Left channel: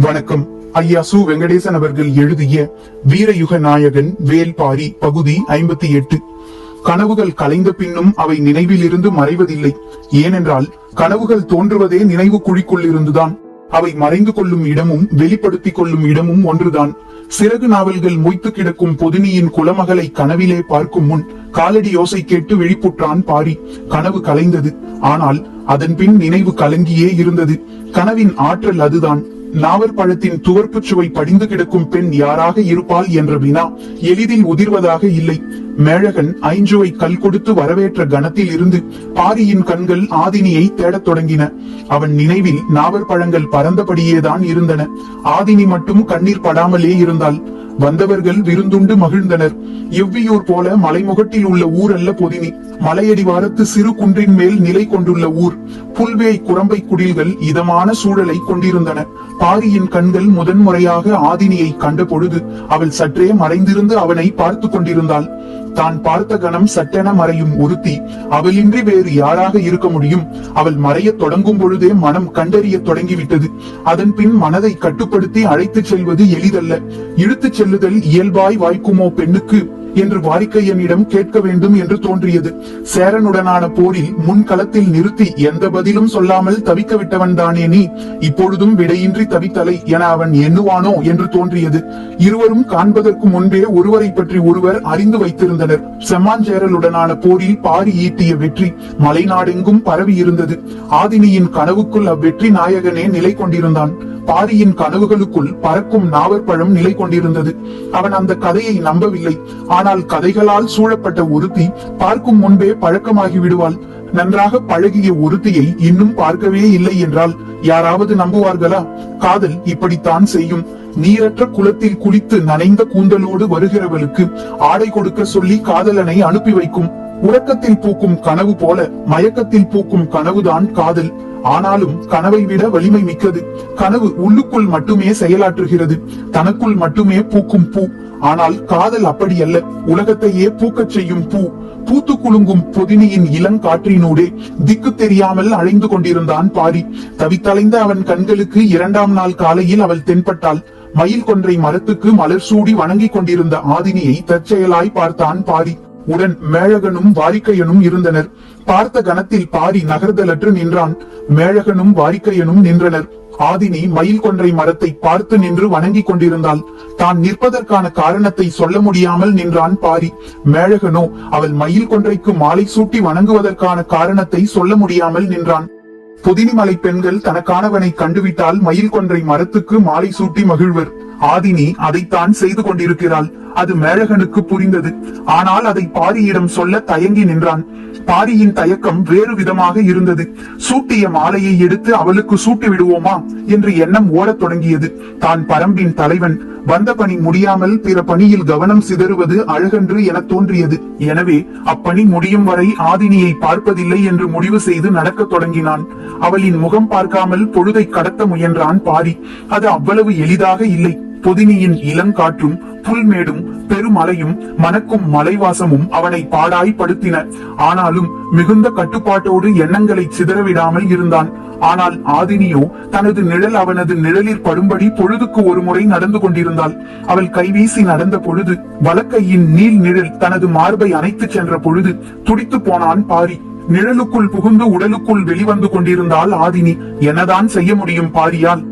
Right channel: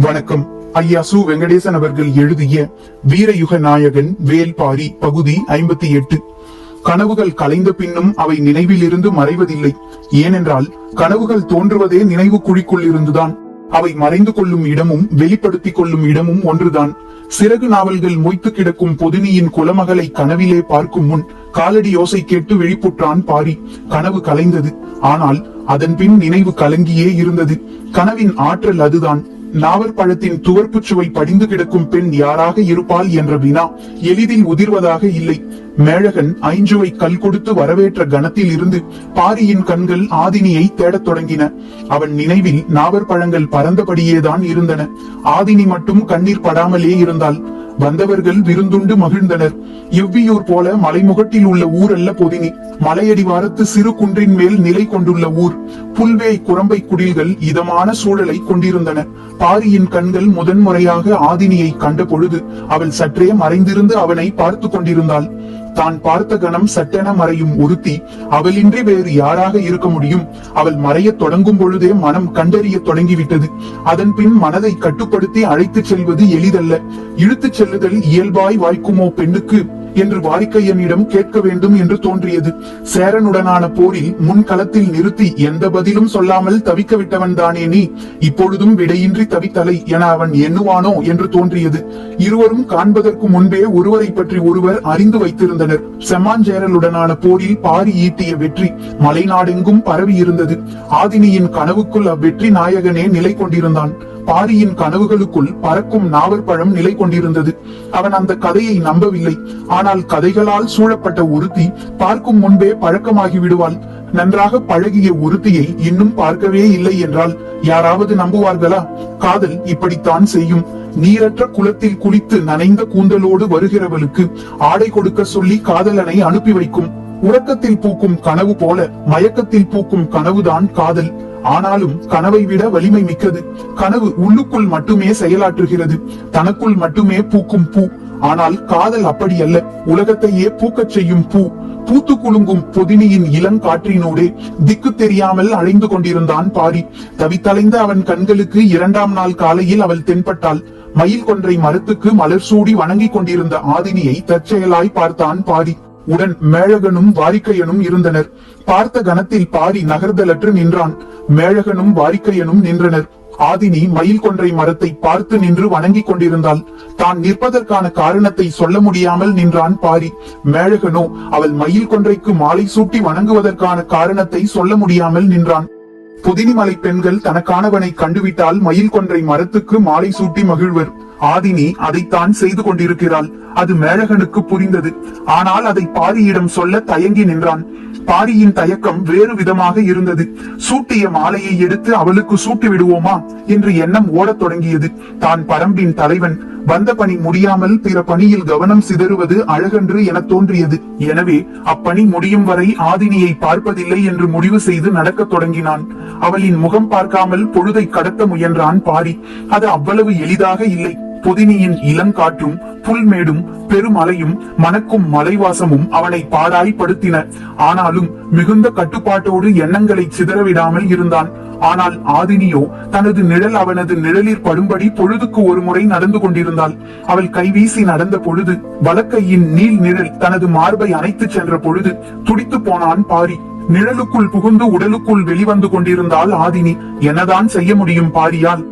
வணக்கம். ஐயா சு வெங்கடேசன் அவர்கள் எழுதிய வீரயுக நாயகன் வேல்பாரி பகுதி ஐம்பத்தி எட்டு. கனவுகள் கலைந்த பின்னும் அவை நினைவில் இருந்து மறைவதில்லை. ஏனென்றால் கனவுகள் தோன்றுவதே நினைவு குழிக்குள் இருந்துதான். அவை மறைந்து கொள்ளும் இடமும் வெளிப்படுத்திக் கொள்ளும் இடமும் ஒன்றுதான். சிறகு நாவல்கள் மொய்த்து கிடக்கும் பொதினியின் குலமகளை கனவிலே பார்க்கும் முன் காலடி யோசை கேட்டு விழிப்புற்றான் பாரி. கனவு கலைந்தது. ஆனால் அதன் பின் நினைவு கலங்கியே இருந்தது. கனவின் ஆற்றல் அதுதான். நாவற்பழத்தின் துவர்ப்புச் சுவை படிந்து கிடக்கும் பெண் யாராக இருப்பாள் என்ற வினா எளிதில் உதிர்வதாக இல்லை. மேழகன் ஐஞ்சுவை கல் கொடுத்து வரவேற்ற கணத்தில் இருந்து பாரியின் கண்கள் ஆதினியை தேடத் தொடங்கின. அவன் நினைவில் நாவற்பழங்கள் பறந்தபடியேதான் இருந்தன. ஆதினி மட்டும் கண்ணீர் படாமலே இருந்தாள். வந்தவர்கள் விருந்துண்டு மகிழ்ந்தனர். இவ்வியூர் போல மலைமுகட்டில் உள்ள ஊர் அல்ல பொதினி மலையடிவாரத்து சிறு குன்றின் மேல் நிலை கொண்டுள்ள ஊர். புல்வேய் குரம்பை குடில்கள் இதமான சூழலை கொண்டிருந்தன. பாரியின் கண்கள் முதன்முறையாக ஆதினியை கண்ட பொழுது அவள் சற்றே மறைந்திருந்து அவனை பார்த்து கொண்டிருந்தாள். தான் பார்த்த கணம் சட்டென மறையும் ஒருத்தி அவளின்றி வேறு யாராக இருக்க முடியும்? அவள் மறைய தொடங்கும் பொழுதே மனம் கண்டறிய தொடங்கிவிட்டது. அதன் பின் மனதை கட்டுப்படுத்தி அழைத்துச் செல்வது எளிதல்ல. இழுத்துச் செல்லுதல் இயல்பாய் வாய்க்குமோ பெண்ணுக்கு? என்று வாடிக்கையனிடம் கேட்க வேண்டும் என்று தோன்றியது. சேரனுடனான போரில் முன்களத்தில் நிறுத்தி எந்த பதிலும் சொல்லாமல் தவிக்க விட்டவன் தானே நீ. இப்பொழுதும் விடையின்றி தவித்தலை என அவன் எண்ணுவானோ என்று தோன்றியது. இருவரும் காண்பதற்கு முன்பே ஒருவரை பற்றி ஒருவர் அறிந்து வைத்திருந்தனர். செம்மாஞ்சேரலுடனான போரில் பாரி ஈட்டிய வெற்றி மலைநாடெங்கும் பரவி இருந்தது ஆதினியின் கனவுக்குள் அவ்வெற்றி நாயகனே நிலை கொண்டிருந்தான். பாரியின் கனவுகளுக்குள் பறக்கும் நாவற்பழம் நிலை கொண்டிருந்தது. அவன் அந்த கதையை நம்பவில்லை. ஆனால் கதைகளால் சூழப்பட்ட ஒருத்தி பார்க்கும் முன்பே பழக்கமாகி விடுவாள். நன்றாக பழகிய ஒருத்தியை இன்னும் பார்க்கவே இல்லை என்றால் யாராவது நம்புவார்களா? காதல் இப்படித்தான் செய்யும். நீரற்ற குளத்தில் குளித்து நனைந்த கூந்தலோடு வருகிறவளுக்கு ஆடை கொடுக்க சொல்லி காதலனை அனுப்பி வைக்கும். உறக்கத்தில் பூக்கும் கனவு போல மயக்கத்தில் பூக்கும் கனவுதான் காதல். ஆனாலும் கனவை விட வலிமை மிக்கது. கனவு உள்ளுக்குள் மட்டுமே செயலாற்றுகிறது. தனக்குள் மட்டுமே பூக்கும் பூ. ஆனால் காதல் அப்படி அல்ல உலகத்தையே பூக்கச் செய்யும் பூ. பூத்து குலுங்கும் பொதினியின் இளங்காற்றினூடே திக்கு தெரியாமல் அலைந்து கொண்டிருந்தான் பாரி. தவித்தலைந்த அவன் கண்களுக்கு இரண்டாம் நாள் காலையில் அவள் தென்பட்டாள். மயில் கொன்றை மரத்துக்கு மலர் சூடி வணங்கிக் கொண்டிருந்த ஆதினியை தற்செயலாய் பார்த்தான் பாரி. உடன் மேழகனும் வாரிக்கையனும் இருந்தனர். பார்த்த கணத்தில் பாரி நகர்தலற்று நின்றான். மேழகனும் வாரிக்கையனும் நின்றனர். ஆதினி மயில் கொன்றை மரத்தை பார்த்து நின்று வணங்கிக் கொண்டிருந்தாள். தான் நிற்பதற்கான காரணத்தை சொல்ல முடியாமல் நின்றான் பாரி. மேழகனோ அவள் மயில் கொன்றைக்கு மாலை சூட்டி வணங்குவதற்கான காரணத்தை சொல்ல முடியாமல் நின்றான். புதினிமலை பெண்கள் தனக்கானவனை கண்டுவிட்டால் மயில் கொன்றை மரத்துக்கு மாலை சூட்டி மகிழ்வர். ஆதினி அதைத்தான் செய்து கொண்டிருக்கிறாள். அது மேழகனுக்கு புரிந்தது. ஆனால் அதை பாரியிடம் சொல்ல தயங்கி நின்றான். பாரியின் தயக்கம் வேறு விதமாக இருந்தது. சூட்டிய மாலையை எடுத்து அவளுக்கு சூட்டி விடுவோமா என்று எண்ணம் ஓடத் தொடங்கியது. தான் பரம்பின் தலைவன் வந்த பணி முடியாமல் பிற பணியில் கவனம் சிதறுவது அழகன்று என தோன்றியது. எனவே அப்பணி முடியும் வரை ஆதினியை பார்ப்பதில்லை என்று முடிவு செய்து நடக்க தொடங்கினான். அவளின் முகம் பார்க்காமல் பொழுதை கடத்த முயன்றான் பாரி. அது அவ்வளவு எளிதாக இல்லை. புதினியின் இளங்காற்றும் புல்மேடும் பெருமலையும் மணக்கும் மலைவாசமும் அவனை பாடாய்படுத்தின ஆனாலும் மிகுந்த கட்டுப்பாட்டோடு எண்ணங்களை சிதறவிடாமல் இருந்தான். ஆனால் ஆதினியோ தனது நிழல் அவனது நிழலில் படும்படி பொழுதுக்கு ஒரு முறை நடந்து கொண்டிருந்தாள். அவள் கைவீசி நடந்த பொழுது வலக்கையின் நீள் நிழல் தனது மார்பை அணைத்துச் சென்ற பொழுது துடித்து போனான் பாரி. நிழலுக்குள் புகுந்து உடலுக்குள் வெளிவந்து கொண்டிருந்தாள் ஆதினி. என்னதான் செய்ய முடியும் பாரியால்?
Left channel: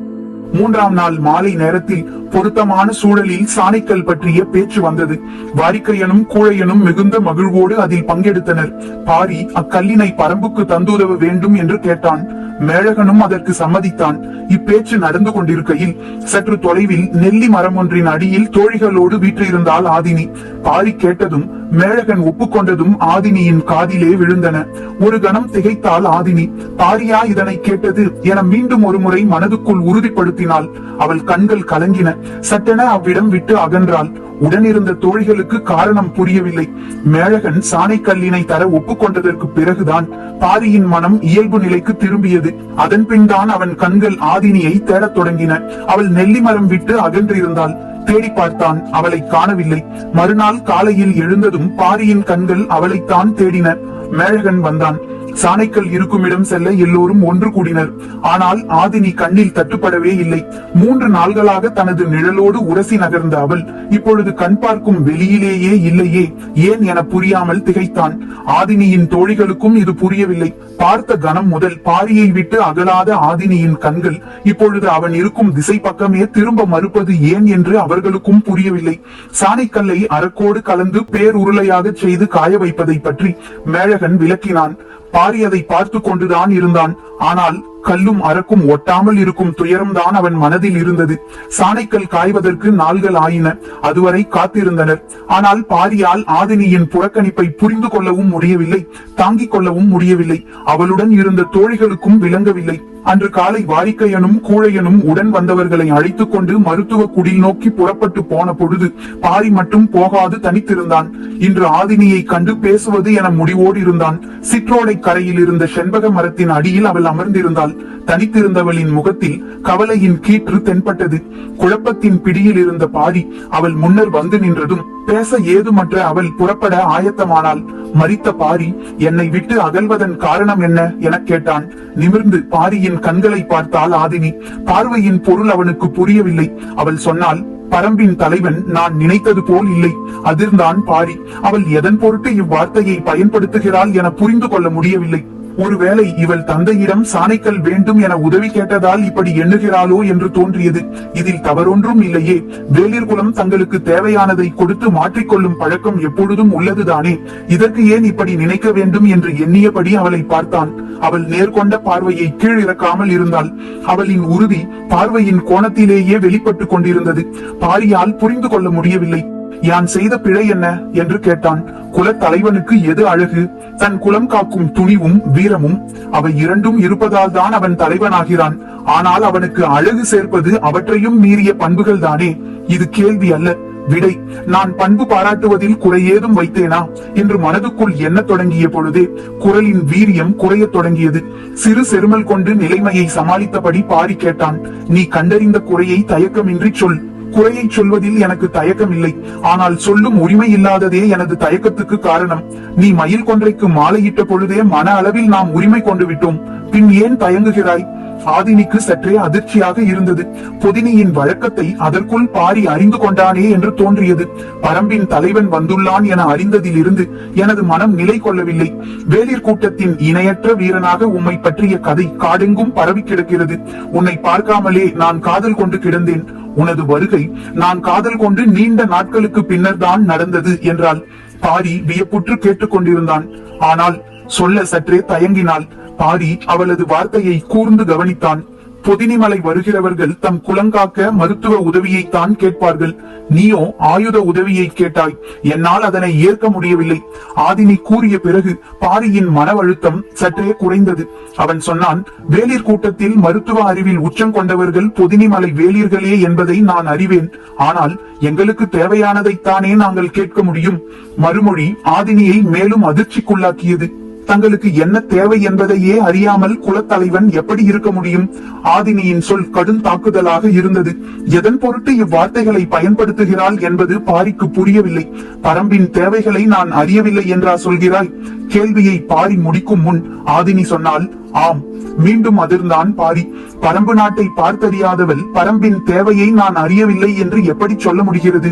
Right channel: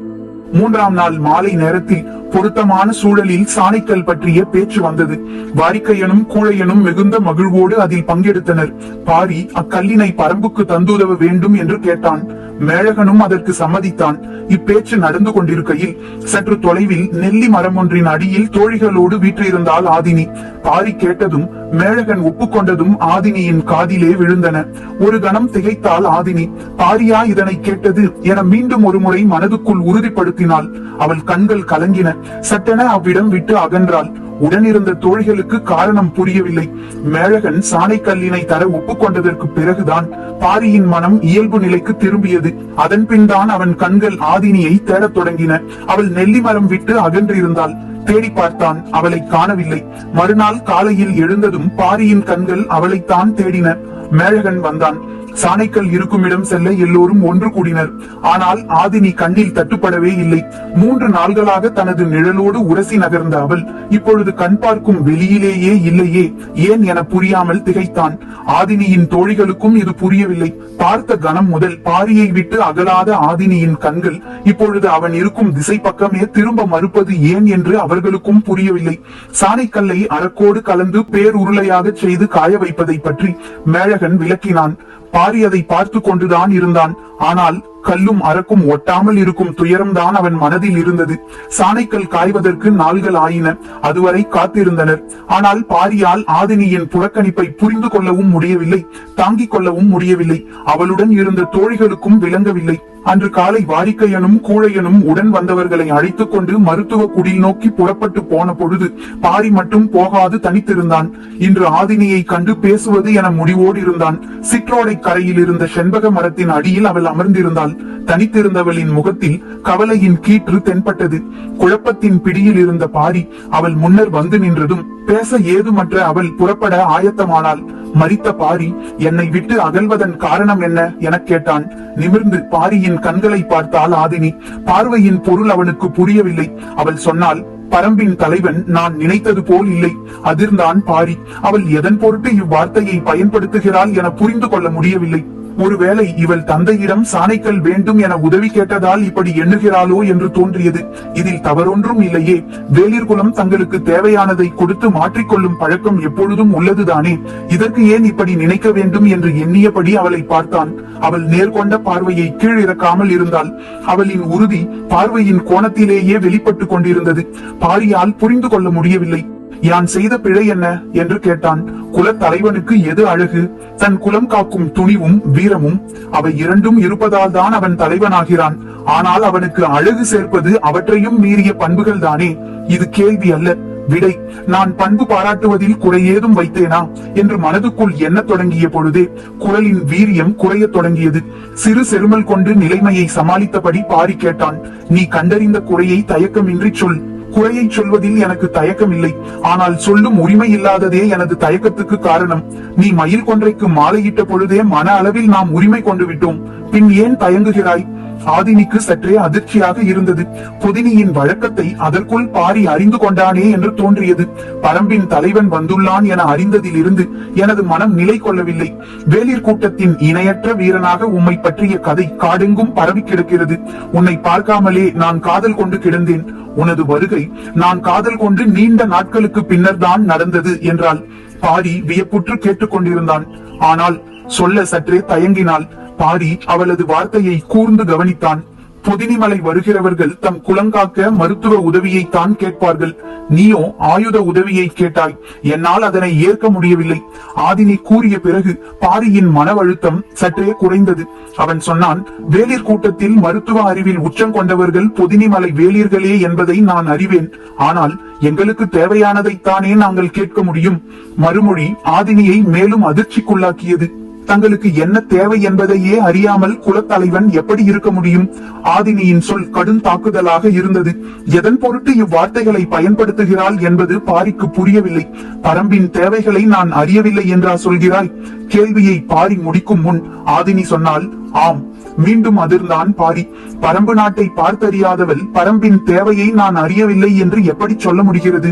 மூன்றாம் நாள் மாலை நேரத்தில் பொருத்தமான சூழலில் சாணிக்கல் பற்றிய பேச்சு வந்தது. வாரிக்கையனும் கூழையனும் மிகுந்த மகிழ்வோடு அதில் பங்கெடுத்தனர். பாரி அக்கல்லினை பரம்புக்கு தந்துதவ வேண்டும் என்று கேட்டான். மேழகனும் அதற்கு சம்மதித்தான். இப்பேச்சு நடந்து கொண்டிருக்கையில் சற்று தொலைவில் நெல்லி மரம் ஒன்றின் அடியில் தோழிகளோடு வீற்றிருந்தாள் ஆதினி. பாரி கேட்டதும் மேழகன் ஒப்புக்கொண்டதும் ஆதினியின் காதிலே விழுந்தன. ஒரு கணம் திகைத்தாள் ஆதினி. பாரியா இதனை கேட்டது என மீண்டும் ஒரு முறை மனதுக்குள் உறுதிப்படுத்தினாள். அவள் கண்கள் கலங்கின. சட்டென அவ்விடம் விட்டு அகன்றாள். உடனிருந்த தோழிகளுக்கு காரணம் புரியவில்லை. மேழகன் சாணை கல்லினை தர ஒப்புக்கொண்டதற்கு பிறகுதான் பாரியின் மனம் இயல்பு நிலைக்கு திரும்பியது. அதன் பின் தான் அவன் கண்கள் ஆதினியை தேடத் தொடங்கின. அவள் நெல்லி மரம் விட்டு அகன்றிருந்தாள். தேடி பார்த்தான் அவளை காணவில்லை. மறுநாள் காலையில் எழுந்ததும் பாரியின் கண்கள் அவளைத்தான் தேடின. மேழகன் வந்தான். சாணைக்கல் இருக்கும் இடம் செல்ல எல்லோரும் ஒன்று கூடினர். ஆனால் ஆதினி கண்ணில் தட்டுப்படவே இல்லை. மூன்று நாள்களாக தனது நிழலோடு உரசி நகர்ந்த அவள் இப்பொழுது கண் பார்க்கும் வெளியிலேயே இல்லையே ஏன் என புரியாமல் திகைத்தான். ஆதினியின் தோழிகளுக்கும் இது புரியவில்லை. பார்த்த கணம் முதல் பாரியை விட்டு அகலாத ஆதினியின் கண்கள் இப்பொழுது அவன் இருக்கும் திசை பக்கமே திரும்ப மறுப்பது ஏன் என்று அவர்களுக்கும் புரியவில்லை. சாணைக்கல்லை அரக்கோடு கலந்து பேருருளையாக செய்து காய வைப்பதை பற்றி மேழகன் விளக்கினான். பாரி அதை பார்த்து கொண்டுதான் இருந்தான். ஆனால் கல்லும் அரக்கும் ஒட்டாமல் இருக்கும் துயரம்தான் அவன் மனதில் இருந்தது. சாணைக்கல் காய்வதற்கு நாள்கள் ஆயின. அதுவரை காத்திருந்தனர். ஆனால் பாரியால் ஆதினியின் புறக்கணிப்பை புரிந்து கொள்ளவும் முடியவில்லை தாங்கிக் கொள்ளவும் முடியவில்லை. அவளுடன் இருந்த தோழிகளுக்கும் விளங்கவில்லை. அன்று காலை வாரிக்கையனும் கூழையனும் உடன் வந்தவர்களை அழைத்துக் கொண்டு மருத்துவ குடில் நோக்கி புறப்பட்டு போன பொழுது பாரி மட்டும் போகாது தனித்திருந்தான். இன்று ஆதினியை கண்டு பேசுவது என முடிவோடு இருந்தான் சிற்றோடை கரையில் இருந்த செண்பக மரத்தின் அடியில் அவள் அமர்ந்திருந்தாள். தனித்திருந்தவளின் முகத்தில் கவலையின் கீற்று தென்பட்டது. குழப்பத்தின் பிடியில் இருந்த பாரி அவள் முன்னர் வந்து நின்றதும் பேச ஏதுமற்ற அவள் புறப்பட ஆயத்தமானாள். மறித்த பாரி என்னை விட்டு அகல்வதன் காரணம் என்ன? எனக் கேட்டான். நிமிர்ந்து பாரியின் கண்களை பார்த்தால் ஆதினி பார்வையின் பொருள் அவனுக்கு புரியவில்லை. அவள் சொன்னால் பரம்பின் தலைவன் நான் நினைத்தது போல் இல்லை அதிர்ந்தான் பாரி. அவள் எதன் பொருட்டு இவ்வார்த்தையை பயன்படுத்துகிறாள் என புரிந்து கொள்ள முடியவில்லை. ஒருவேளை இவள் தந்தையிடம் சாணைக்கல் வேண்டும் என உதவி கேட்டதால் இப்படி எண்ணுகிறாளோ என்று தோன்றியது. இதில் தவறொன்றும் இல்லையே. வேலிர்குலம் தங்களுக்கு தேவையானதை கொடுத்து மாற்றிக்கொள்ளும் பழக்கம் எப்பொழுதும் உள்ளதுதானே. இதற்கு ஏன் இப்படி நினைக்க வேண்டும் என்று எண்ணியபடி அவளை பார்த்தான். அவள் நேர்கொண்ட பார்வையை கீழிறக்காமல் இருந்தாள். அவளின் உறுதி பார்வையின் கோணத்திலேயே வெளிப்பட்டுக் கொண்டிருந்தது. பாரியால் புரிந்து கொள்ள முடியவில்லை. யான் செய்த பிழை என்ன? என்று கேட்டான். குலத் தலைவனுக்கு எது அழகு? தன் குலம் காக்கும் துணிவும் வீரமும் அவை இரண்டும் இருப்பதால் தான் அவன் தலைவனாகிறான். ஆனால் அவனுக்கு அழகு சேர்ப்பது அவற்றையும் மீறிய பண்புகள் தானே? இது கேள்வி அல்ல. விடை நான் பண்பு பாராட்டுவதில் குறையேதும் வைத்தேனா? என்று மனதுக்குள் எண்ணத் தொடங்கிய பொழுதே குரலின் வீரியம் குறையத் தொடங்கியது. சிறு செருமல் கொண்டு நிலைமையை சமாளித்தபடி பாரி கேட்டான். நீ கண்டறிந்த குறையை தயக்கமின்றி சொல். குறையை சொல்வதில் எனக்கு தயக்கம் இல்லை ஆனால் சொல்லும் உரிமை இல்லாததே எனது தயக்கத்துக்கு காரணம். நீ மயில் கொன்றைக்கு மாலையிட்ட பொழுதே மன அளவில் நாம் உரிமை கொண்டு விட்டோம். பின் ஏன் தயங்குகிறாய்? ஆதினிக்கு சற்றே அதிர்ச்சியாக இருந்தது. புதினியின் வழக்கத்தை அதற்குள் பாரி அறிந்து கொண்டானே என்று தோன்றியது. பரம்பின் தலைவன் வந்துள்ளான் என அறிந்ததிலிருந்து எனது மனம் நிலை கொள்ளவில்லை. வேலிர் கூட்டத்தின் இணையற்ற வீரனாக உம்மை பற்றிய கதை காடெங்கும் பரவி கிடக்கிறது. உன்னை பார்க்காமலே நான் காதல் கொண்டு கிடந்தேன். உனது வருகை நான் காதல் கொண்டு நீண்ட நாட்களுக்கு பின்னர் தான் நடந்தது என்றால் பாரி வியப்புற்று கேட்டுக்கொண்டிருந்தான். ஆனால் சொல்ல சற்றே தயங்கினாள். பாரி அவளது வார்த்தையை கூர்ந்து கவனித்தான். பொதினிமலை வருகிறவர்கள் தம் குலங்காக்க மருத்துவ உதவியைத்தான் கேட்பார்கள். நீயோ ஆயுத உதவியை கேட்டாய். என்னால் அதனை ஏற்க முடியவில்லை. ஆதினி கூறிய பிறகு பாரியின் மனவழுத்தம் சற்றே குறைந்தது. அவன் சொன்னான் வேலிர் கூட்டத்தில் மருத்துவ அறிவில் உச்சம் கொண்டவர்கள் பொதினிமலை வேலியர்களே என்பதை நான் அறிவேன். ஆனால் எங்களுக்கு தேவையானதைத்தானே நாங்கள் கேட்க முடியும். மறுமொழி ஆதினியை மேலும் அதிர்ச்சிக்குள்ளாக்கியது. தங்களுக்கு என்ன தேவை என்பதையே அறியாமல் குலத்தலைவன் எப்படி இருக்க முடியும்? ஆதினியின் சொல் கடும் தாக்குதலாக இருந்தது. எதன் பொருட்டு இவ்வார்த்தைகளை பயன்படுத்துகிறாள் என்பது பாரிக்கு புரியவில்லை. பரம்பின் தேவைகளை நான் அறியவில்லை என்றா சொல்கிறாய்? கேள்வியை பாரி முடிக்கும் முன் ஆதினி சொன்னால் ஆம் மீண்டும் அதிர்ந்தான் பாரி. பரம்பு நாட்டை பார்த்தறியாதவள் பரம்பின் தேவையை நான் அறியவில்லை என்று எப்படி சொல்ல முடிகிறது?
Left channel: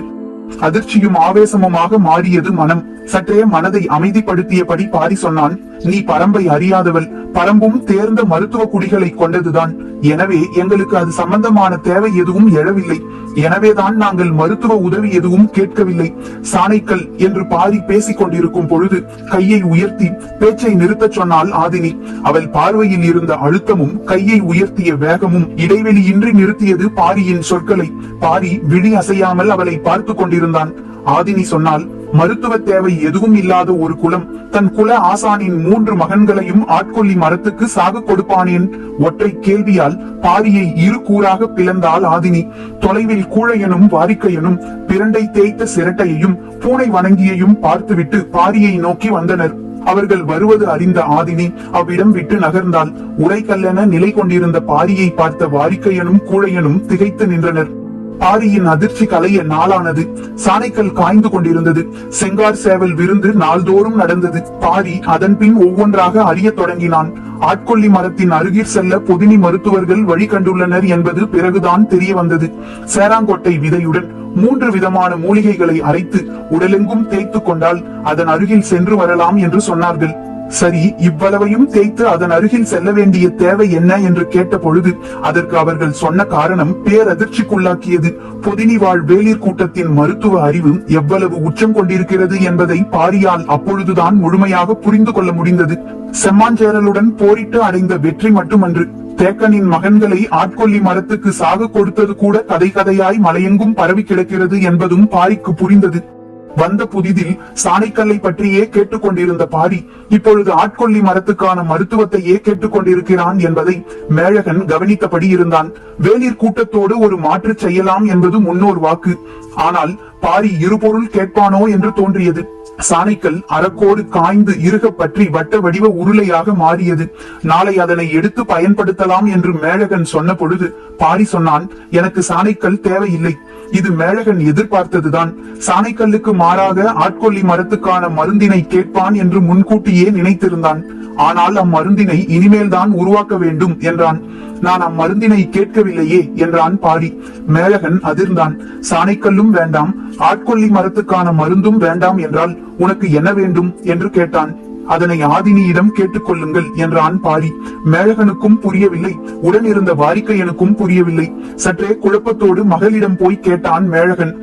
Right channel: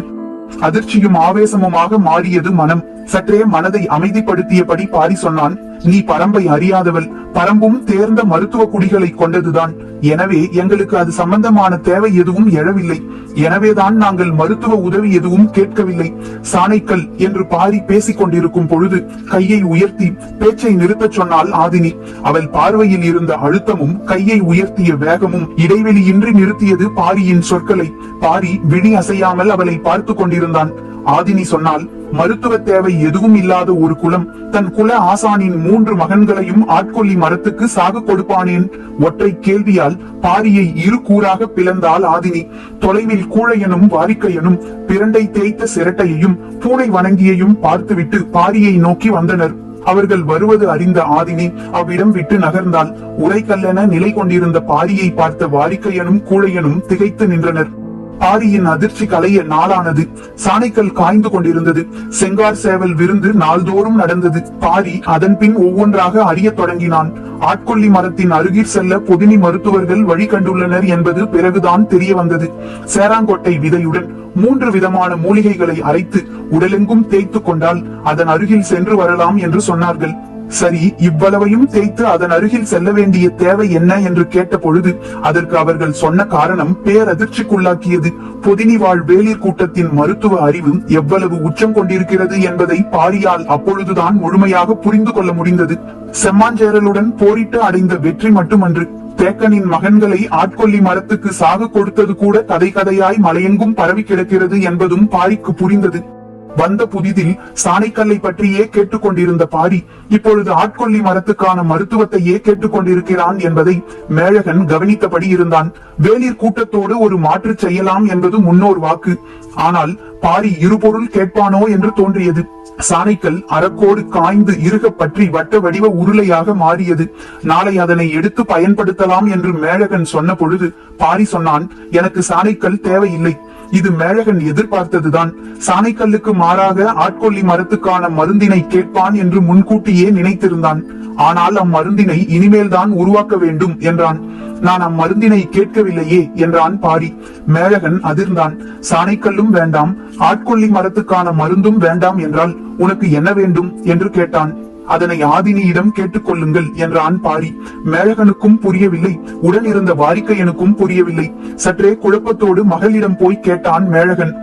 அதிர்ச்சியும் ஆவேசமுமாக மாறியது மனம். சற்றே மனதை அமைதிப்படுத்தியபடி பாரி சொன்னான் நீ பரம்பை அறியாதவள். பரம்பும் தேர்ந்த மருத்துவ குடிகளை கொண்டதுதான். எனவே எங்களுக்கு அது சம்பந்தமான தேவை எதுவும் எழவில்லை. எனவேதான் நாங்கள் மருத்துவ உதவி எதுவும் கேட்கவில்லை. சாணைக்கல் என்று பாரி பேசிக் கொண்டிருக்கும் பொழுது கையை உயர்த்தி பேச்சை நிறுத்தச் சொன்னால் ஆதினி. அவள் பார்வையில் இருந்த அழுத்தமும் கையை உயர்த்திய வேகமும் இடைவெளியின்றி நிறுத்தியது பாரியின் சொற்களை. பாரி விழி அசையாமல் அவளை பார்த்து கொண்டிருந்தான். ஆதினி சொன்னால் மருத்துவ தேவை எதுவும் இல்லாத ஒரு குலம் தன் குல ஆசானின் மூன்று மகன்களையும் ஆட்கொள்ளி மரத்துக்கு சாகு கொடுப்பானேன். ஒற்றை கேள்வியால் பாரியை இரு கூறாக பிளந்தாள் ஆதினி. தொலைவில் கூழையனும் வாரிக்கையனும் பிரண்டை தேய்த்த சிரட்டையையும் பூனை வணங்கியையும் பார்த்துவிட்டு பாரியை நோக்கி வந்தனர். அவர்கள் வருவது அறிந்த ஆதினி அவ்விடம் விட்டு நகர்ந்தால் உரைக்கல்லென நிலை கொண்டிருந்த பாரியை பார்த்த வாரிக்கையனும் கூழையனும் திகைத்து நின்றனர். பாரியின் அதிர்ச்சி கலைய நாளானது. சாணைக்கல் காய்ந்து கொண்டிருந்தது. செங்கார் சேவல் விருந்து நாள்தோறும் நடந்தது. பாரி அதன் பின் ஒவ்வொன்றாக அறிய தொடங்கினான். ஆட்கொல்லி மரத்தின் அருகில் செல்ல புதினி மருத்துவர்கள் வழி கண்டுள்ளனர் என்பது பிறகுதான் தெரிய வந்தது. சேராங்கொட்டை விதையுடன் மூன்று விதமான மூலிகைகளை அரைத்து உடலெங்கும் தேய்த்து கொண்டால் அதன் அருகில் சென்று வரலாம் என்று சொன்னார்கள். சரி இவ்வளவையும் தேய்த்து அதன் அருகில் செல்ல வேண்டிய தேவை என்ன என்று கேட்ட பொழுது அதற்கு அவர்கள் சொன்ன காரணம் பேரதிர்ச்சிக்குள்ளாக்கியது. பொதினி வாழ் வேளிர் கூட்டத்தின் மருத்துவ அறிவு எவ்வளவு உச்சம் கொண்டிருக்கிறது என்பதை பாரியால் அப்பொழுதுதான் முழுமையாக புரிந்து கொள்ள முடிந்தது. செம்மாஞ்சேரலுடன் போரிட்டு அடைந்த வெற்றி மட்டுமன்று தேக்கனின் மகன்களை ஆட்கொல்லி மரத்துக்கு சாகு கொடுத்தது கூட கதை கதையாய் மலையெங்கும் பரவி கிடக்கிறது என்பதும் பாரிக்கு புரிந்தது. வந்த புதிதில் சாணைக்கல்லை பற்றியே கேட்டுக்கொண்டிருந்த பாடி இப்பொழுது ஆட்கொல்லி மரத்துக்கான மருத்துவத்தையே கேட்டுக்கொண்டிருக்கிறான் என்பதை மேழகன் கவனித்தபடி இருந்தான். வேலிர் கூட்டத்தோடு ஒரு மாற்று செய்யலாம் என்பது முன்னோர் வாக்கு. ஆனால் பாரி இருபொருள் கேட்பானோ என்று தோன்றியது. சாணைக்கல் அறக்கோடு காய்ந்து இருக பற்றி வட்ட வடிவ உருளையாக மாறியது. நாளை அதனை எடுத்து பயன்படுத்தலாம் என்று மேழகன் சொன்ன பொழுது பாரி சொன்னான் எனக்கு சாணைக்கல் தேவையில்லை. இது மேழகன் எதிர்பார்த்ததுதான். சாணைக்கல்லுக்கு மாறாக ஆட்கொல்லி மரத்துக்கான மருந்தினை கேட்பான் என்று முன்கூட்டியே நினைத்திருந்தான். ஆனால் அம்மருந்தினை இனிமேல்தான் உருவாக்க வேண்டும் என்றான். நான் அம்மருந்தினை கேட்கவில்லையே என்றான் பாரி மேலகன் அதிர்ந்தான். சாணைக்கல்லும் வேண்டாம். ஆட்கொல்லி மரத்துக்கான மருந்தும் வேண்டாம் என்றால் உனக்கு என்ன வேண்டும் என்று கேட்டான். அதனை ஆதினியிடம் கேட்டுக்கொள்ளுங்கள் என்றான் பாரி மேழகனுக்கும் புரியவில்லை. உடன் இருந்த வாரிக்கையனுக்கும் புரியவில்லை. சற்றே குழப்பத்தோடு மகளிடம் போய் கேட்டான் மேழகன்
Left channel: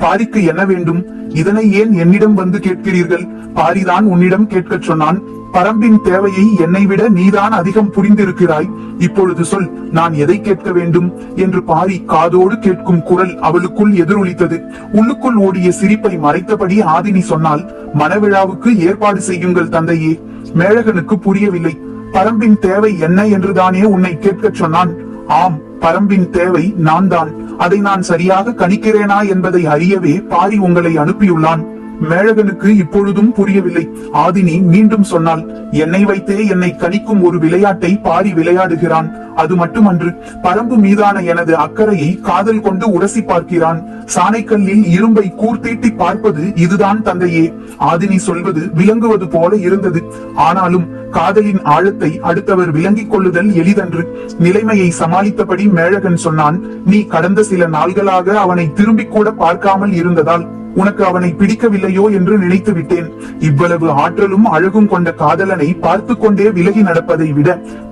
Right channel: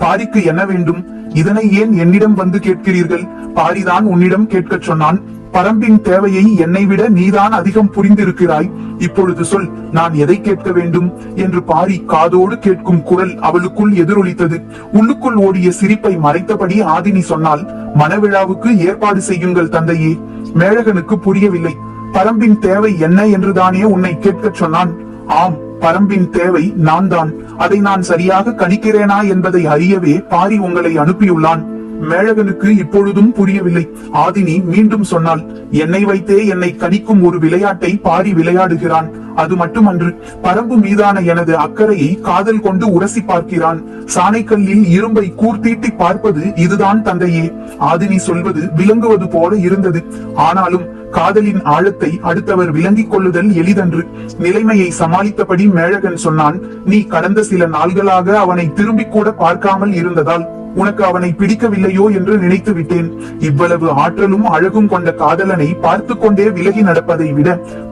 பாரிக்கு என்ன வேண்டும்? இதனை ஏன் என்னிடம் வந்து கேட்கிறீர்கள்? பாரிதான் உன்னிடம் கேட்கச் சொன்னான். பரம்பின் தேவையை என்னை விட நீதான் அதிகம் புரிந்திருக்கிறாய். இப்பொழுது சொல் நான் எதை கேட்க வேண்டும்? என்று பாரி காதோடு கேட்கும் குரல் அவளுக்குள் எதிரொலித்தது. உள்ளுக்குள் ஓடிய சிரிப்பை மறைத்தபடி ஆதினி சொன்னால் மனவிழாவுக்கு ஏற்பாடு செய்யுங்கள் தந்தையே. மேழகனுக்கு புரியவில்லை. பரம்பின் தேவை என்ன என்றுதானே உன்னை கேட்கச் சொன்னான். ஆம் பரம்பின் தேவை நான் தான் அதை நான் சரியாக கணிக்கிறேனா என்பதை அறியவே பாரி உங்களை அனுப்பியுள்ளான். மேழகனுக்கு இப்பொழுதும் புரியவில்லை. ஆதினி மீண்டும் சொன்னாள் என்னை வைத்தே என்னை கணிக்கும் ஒரு விளையாட்டை பாரி விளையாடுகிறான். அது மட்டுமன்று பரம்பு மீதான எனது அக்கறையை காதல் கொண்டு உரசி பார்க்கிறான். சாணைக்கல்லில் இரும்பை கூர்த்தீட்டி பார்ப்பது இதுதான் தந்தையே. ஆதினி சொல்வது விளங்குவது போல இருந்தது. ஆனாலும் காதலின் ஆழத்தை அடுத்தவர் விளங்கிக் கொள்ளுதல் எளிதன்று. நிலைமையை சமாளித்தபடி மேழகன் சொன்னான் நீ கடந்த சில நாள்களாக அவனை திரும்பிக் கூட பார்க்காமல் இருந்ததால் உனக்கு அவனை பிடிக்கவில்லையோ என்று நினைத்து விட்டேன். இவ்வளவு ஆற்றலும் அழகும் கொண்ட காதலனை பார்த்து கொண்டே விலகி நடப்பதை விட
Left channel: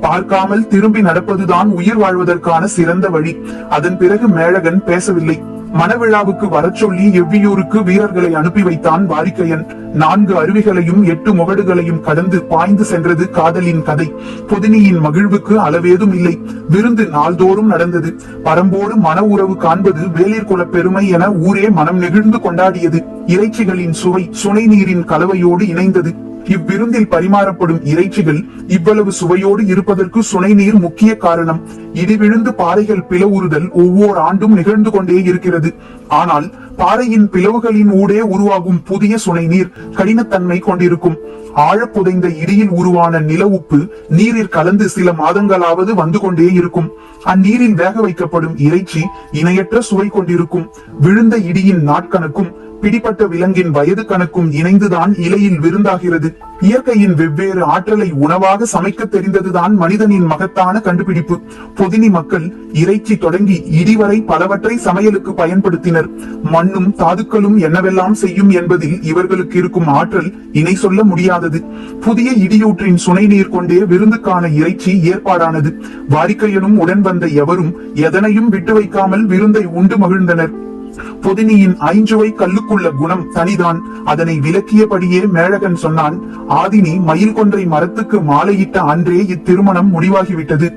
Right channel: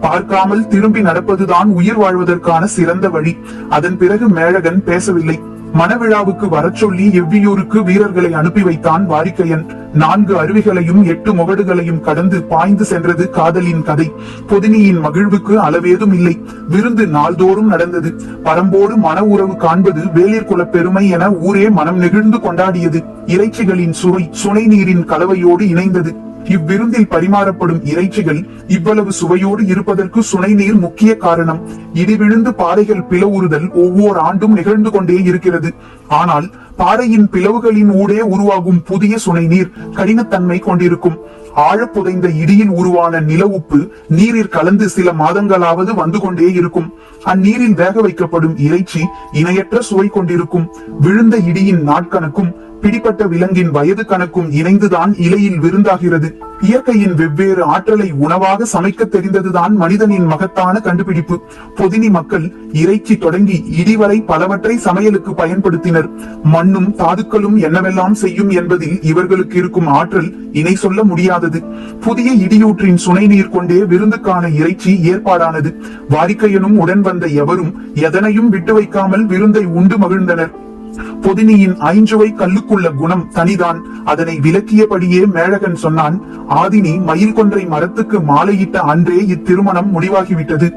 பார்க்காமல் திரும்பி நடப்பதுதான் உயிர் வாழ்வதற்கான சிறந்த வழி. அதன் பிறகு மேழகன் பேசவில்லை. மணவிழாவுக்கு வரச்சொல்லி எவ்வியூருக்கு வீரர்களை அனுப்பி வைத்தான் வாரிக்கையன் நான்கு அருவிகளையும் எட்டு முகடுகளையும் கடந்து பாய்ந்து சென்றது காதலின் கதை. புதினியின் மகிழ்வுக்கு அளவேதும் இல்லை. விருந்து நாள்தோறும் நடந்தது. பரம்போடு மன உறவு காண்பது வேளிர் பெருமை என ஊரே மனம் நெகிழ்ந்து கொண்டாடியது. இறைச்சிகளின் சுவை சுனை நீரின் கலவையோடு இணைந்தது. இவ்விருந்தில் பரிமாறப்படும் இறைச்சிகள் இவ்வளவு சுவையோடு இருப்பதற்கு சுனை நீர் முக்கிய காரணம். இடிவிழுந்து பாறைகள் பிளவுறுதல் ஒவ்வொரு ஆண்டும் நிகழ்ந்து கொண்டே இருக்கிறது. ஆனால் பாறையின் பிளவுகளின் ஊடே உருவாகும் புதிய சுனை நீர் கடினத்தன்மை கொண்டிருக்கும். ஆழப்புதைந்த இடியில் உருவான நில உப்பு நீரில் கலந்து சில மாதங்களாவது வந்து கொண்டே இருக்கும். அந்நீரில் வேக வைக்கப்படும் இறைச்சி இணையற்ற சுவை கொண்டிருக்கும். விழுந்த இடியின் நாட்கணக்கும் பிடிப்பட்ட விலங்கின் வயது கணக்கும் இணைந்துதான் இலையில் விருந்தாகிறது. இயற்கையின் வெவ்வேறு ஆற்றலை உணவாக சமைக்க தெரிந்ததுதான் மனிதனின் மகத்தான கண்டுபிடிப்பு. பொதினி மக்கள் இறைச்சி தொடங்கி இடிவரை பலவற்றை சமையலுக்கு பயன்படுத்தினர். மண்ணும் தாதுக்களும் என்னவெல்லாம் செய்யும் என்பதில் இவர்களுக்கு இருக்கும் ஆற்றல் இணை சொல்ல முடியாதது. புதிய இடியூற்றின் சுனை நீர் கொண்டே விருந்துக்கான இறைச்சி ஏற்பாடானது. வாரிக்கையனும் உடன் வந்த எவரும் எதனையும் விட்டு வைக்காமல் விருந்தை உண்டு மகிழ்ந்தனர். பொதினியின் ஐஞ்சுவை கல்லுக்குள்ள குணம் தனிதான். அதனை விளக்கியபடியே மேழகன் சொன்னான் ஆதினி மயில் கொன்றை மரத்துக்கு மாலையிட்ட அன்றே இத்திருமணம் முடிவாகிவிட்டது.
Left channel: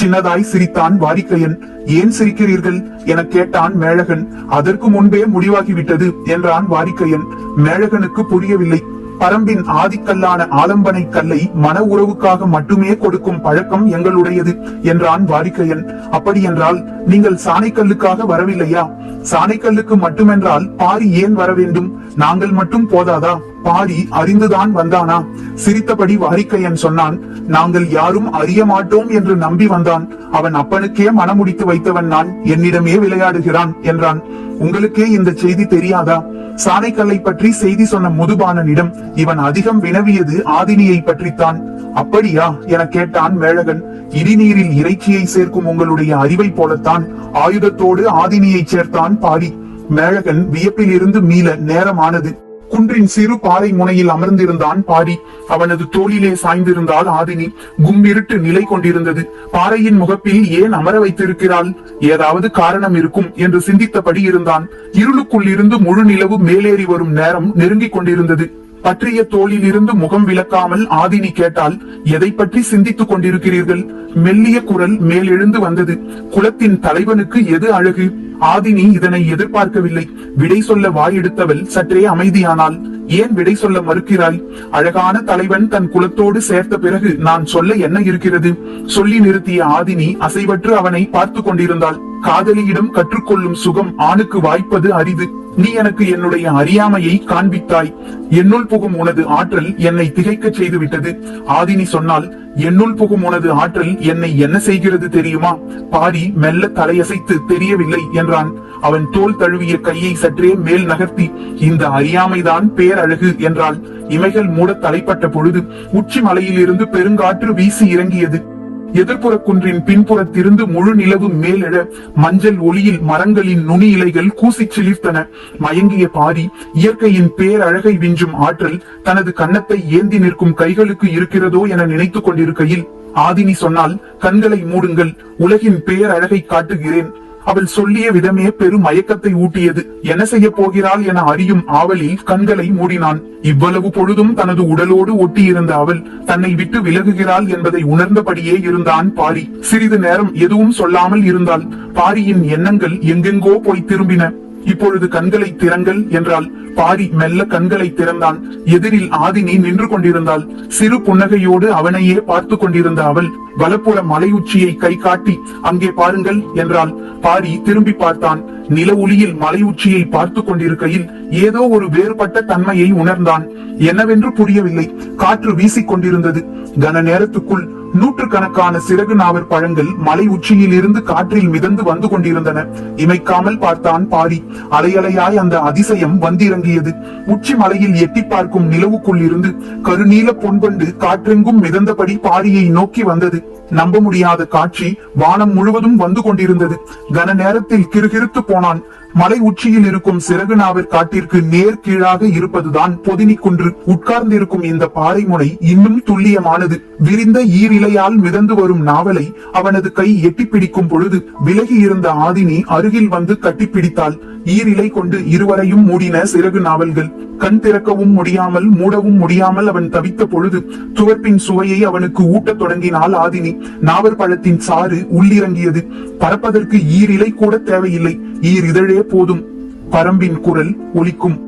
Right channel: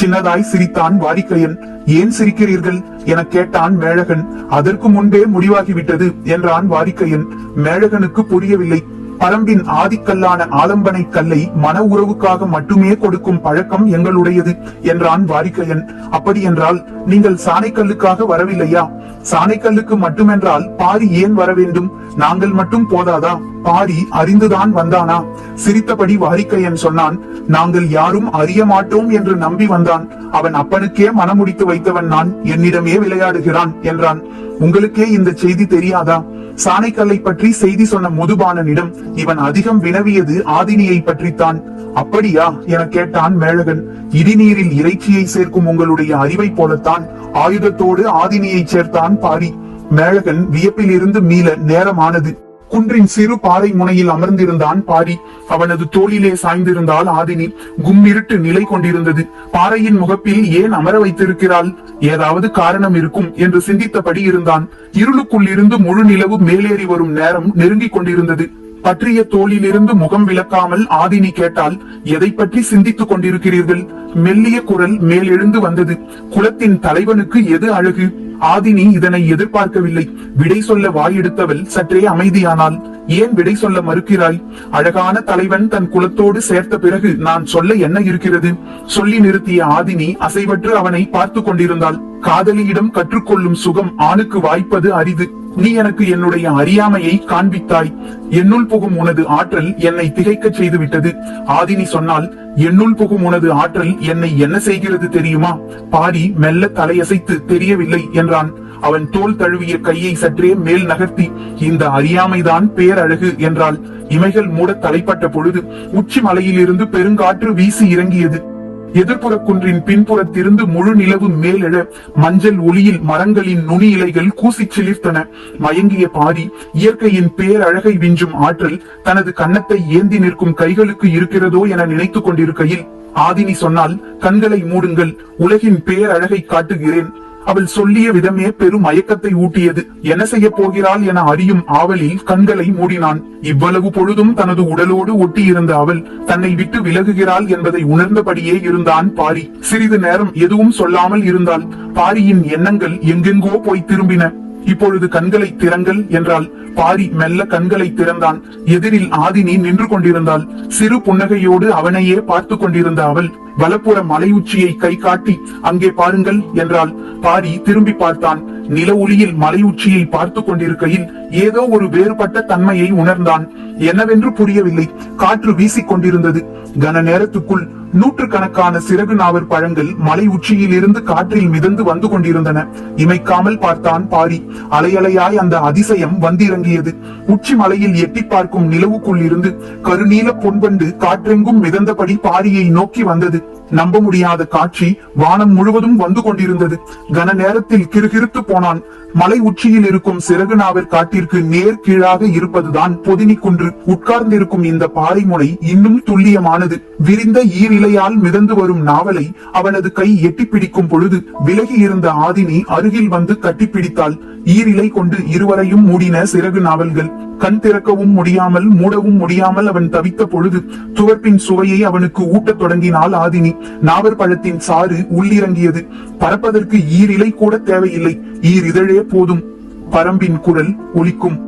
சின்னதாய் சிரித்தான் வாரிக்கையன் ஏன் சிரிக்கிறீர்கள்? என கேட்டான் மேழகன். அதற்கு முன்பே முடிவாகிவிட்டது என்றான் வாரிக்கையன் மேழகனுக்கு புரியவில்லை. பரம்பின் ஆதிக்கல்லான ஆலம்பனை கல்லை மன உறவுக்காக மட்டுமே கொடுக்கும் பழக்கம் எங்களுடையது என்றான் வாரிக்கையன். அப்படி என்றால் நீங்கள் சாணைக்கல்லுக்காக வரவில்லையா? சாணைக்கல்லுக்கு மட்டுமென்றால் பாரி ஏன் வர வேண்டும்? நாங்கள் மட்டும் போதாதா? பாரி அறிந்துதான் வந்தானா? சிரித்தபடி வாரிக்கையன் சொன்னான் நாங்கள் யாரும் அறிய மாட்டோம் என்று நம்பி வந்தான். அவன் அப்பனுக்கே மனமுடித்து வைத்தவன் நான் என்னிடமே விளையாடுகிறான் என்றான். உங்களுக்கே இந்த செய்தி தெரியாதா? சாணைக்கல்லை பற்றி செய்தி சொன்ன முதுபாலனிடம் இவன் அதிகம் வினவியது ஆதினியை பற்றித்தான். அப்படியா? என கேட்டான் மேழகன் இடிநீரில் இறைச்சியை சேர்க்கும் உங்களுடைய அறிவை போலத்தான் ஆயுதத்தோடு ஆதினியை சேர்த்தான் பாரி மேழகன் வியப்பில் இருந்து மீள நேரமானது. குன்றின் சிறு பாறை முனையில் அமர்ந்திருந்தான் பாரி அவனது தோளிலே சாய்ந்திருந்தால் ஆதினி. கும்மிருட்டு நிலை கொண்டிருந்தது. பாறையின் முகப்பில் ஏன் அமர வைத்திருக்கிறாள்? ஏதாவது காரணம் இருக்கும் என்று சிந்தித்தபடி இருந்தான். இருளுக்குள் இருந்து முழு நிலவு மேலேறி வரும் நேரம் நெருங்கிக் கொண்டிருந்தது. பற்றிய தோளிலிருந்து முகம் விளக்காமல் ஆதினி கேட்டால் எதை பற்றி சிந்தித்துக் கொண்டிருக்கிறீர்கள்? மெல்லிய குரல் மேலெழுந்து வந்தது. குலத்தின் தலைவனுக்கு எது அழகு? ஆதினி இதனை எதிர்பார்க்கவில்லை. விடை சொல்ல வாயெடுத்தவள் சற்றே அமைதியானாள் ஏன் விடை சொல்ல மறுக்கிறாய்? அழகான தலைவன் தன் குலத்தோடு சேர்த்த பிறகு நான் சொல்ல என்ன இருக்கிறது? சொல்லி நிறுத்திய ஆதினி அசைவற்று அவனை பார்த்து கொண்டிருந்தாள். காதலியிடம் கற்றுக்கொள்ளும் சுகம் ஆணுக்கு வாய்ப்பது அரிது. நீ எனக்கு என்னுடைய அறியாமையை காண்பித்தாய். என்னுள் புகும் உனது ஆற்றல் என்னை திகைக்கச் செய்து விட்டது ஆதினி சொன்னால் என்னுள் புகும் உனது ஆற்றல் என்னை என்ன செய்கிறது தெரியுமா? பாரி மெல்ல தலையசைத்து தெரியவில்லை என்றான். அவன் தோல் தழுவிய கையை சற்றே மேல் நகர்த்தி இந்த அறியாமைதான் பேரழகு என்றாள். இமைகள் மூட தலைப்பட்ட பொழுது உச்சி மலையிலிருந்து பெருங்காற்று வீசி இறங்கியது. எதிர்ப்புற குன்றின் பின்புறத்திருந்து முழு நிலவு மேலெழ மஞ்சள் ஒளியில் மரங்களின் நுனி இலைகள் கூசிச் சிலிர்த்தன. மயங்கிய பாரி இயற்கையின் பேரழகை விஞ்சும் ஆற்றல் தனது கன்னத்தை ஏந்தி நிற்கும் கைகளுக்கு இருக்கிறதோ என நினைத்துக் கொண்டிருக்கையில் ஆதினி சொன்னால் கண்களை மூடுங்கள் உலகின் பேரழகை காட்டுகிறேன். அவள் சொல்லிய விதமே பெரும் மயக்கத்தை ஊட்டியது. என்ன செய்ய போகிறாள் என அறியும் ஆவலில் கண்களை மூடினான். இவ்வளவு பொழுதும் தனது உடலோடு ஒட்டியிருந்த அவள் தன்னை விட்டு விலகுகிறாள் என்பதை உணர்ந்தபடியே இருந்தான் பாரி. சிறிது நேரம் எதுவும் சொல்லாமல் இருந்தால் பாரியின் எண்ணங்கள் எங்கெங்கோ போய் திரும்பின. இப்பொழுது கண்களை திறங்கள் என்றால் பாரி மெல்ல கண்களை திறந்தான். எதிரில் ஆதினி நின்று கொண்டிருந்தாள் சிறு புன்னகையோடு அவனையே பார்த்து கொண்டிருந்த அவள் வலப்புற மலையுச்சியை கை காட்டி அங்கே பாருங்கள் என்றால் பாரி திரும்பி பார்த்தான். நில ஒளியில் மலையுச்சியை பார்த்து கொண்டிருக்கையில் ஏதோ ஒரு வேறுபட்ட தன்மையை உணர்ந்தான். என்னவென்று புரியவில்லை. காற்று வீசிக் கொண்டிருந்தது. கன நேரத்துக்குள் நூற்றுக்கணக்கான சிறகு நாவர் பழங்கள் மலை உச்சியில் இருந்து காற்றில் மிதந்து வந்து கொண்டிருந்தன. இமைக்காமல் பார்த்தான் பாரி. அலையலையாய் அந்த அதிசயம் வந்திறங்கியது. உச்சி மலையில் எட்டி பார்க்கும் நிலவுக்குள் இருந்து கருநீல பொன்பண்டு காற்றெங்கும் மிதந்தபடி பாரியை நோக்கி வந்தது. நம்ப முடியாத காட்சி வானம் முழுவதும் வந்து கொண்டிருந்தது. கன நேரத்தில் கிறுகிறுத்து போனான். மலை உச்சியில் இருக்கும் சிறகு நாவர் காட்டிற்கு நேர் கீழாக இருப்பதுதான் பொதினி குன்று. உட்கார்ந்திருக்கும் இந்த பாறை முனை இன்னும் துல்லியமானது. விரிந்த ஈரிலையால் மிதந்து வரும் நாவலை அவனது கை எட்டிப்பிடிக்கும் பொழுது விலகி இருந்த ஆதினி அருகில் வந்து கட்டிப்பிடித்தாள் ஈரிலை கொண்டு இருவரையும் மூடின சிறகு நாவல்கள். கண் திறக்கவும் முடியாமல் மூடவும் முடியாமல் அவன் தவித்த பொழுது துவர்ப்பின் சுவையை அவனுக்கு ஊட்டத் தொடங்கினாள் ஆதினி. நாவற்பழத்தின் சாறு உள்ளிறங்கியது. பறப்பதற்கு ஈரிலை கூட தேவையில்லை. ஈர் இதழே போதும். பரம்பின் குரல் ஒலிக்கும்.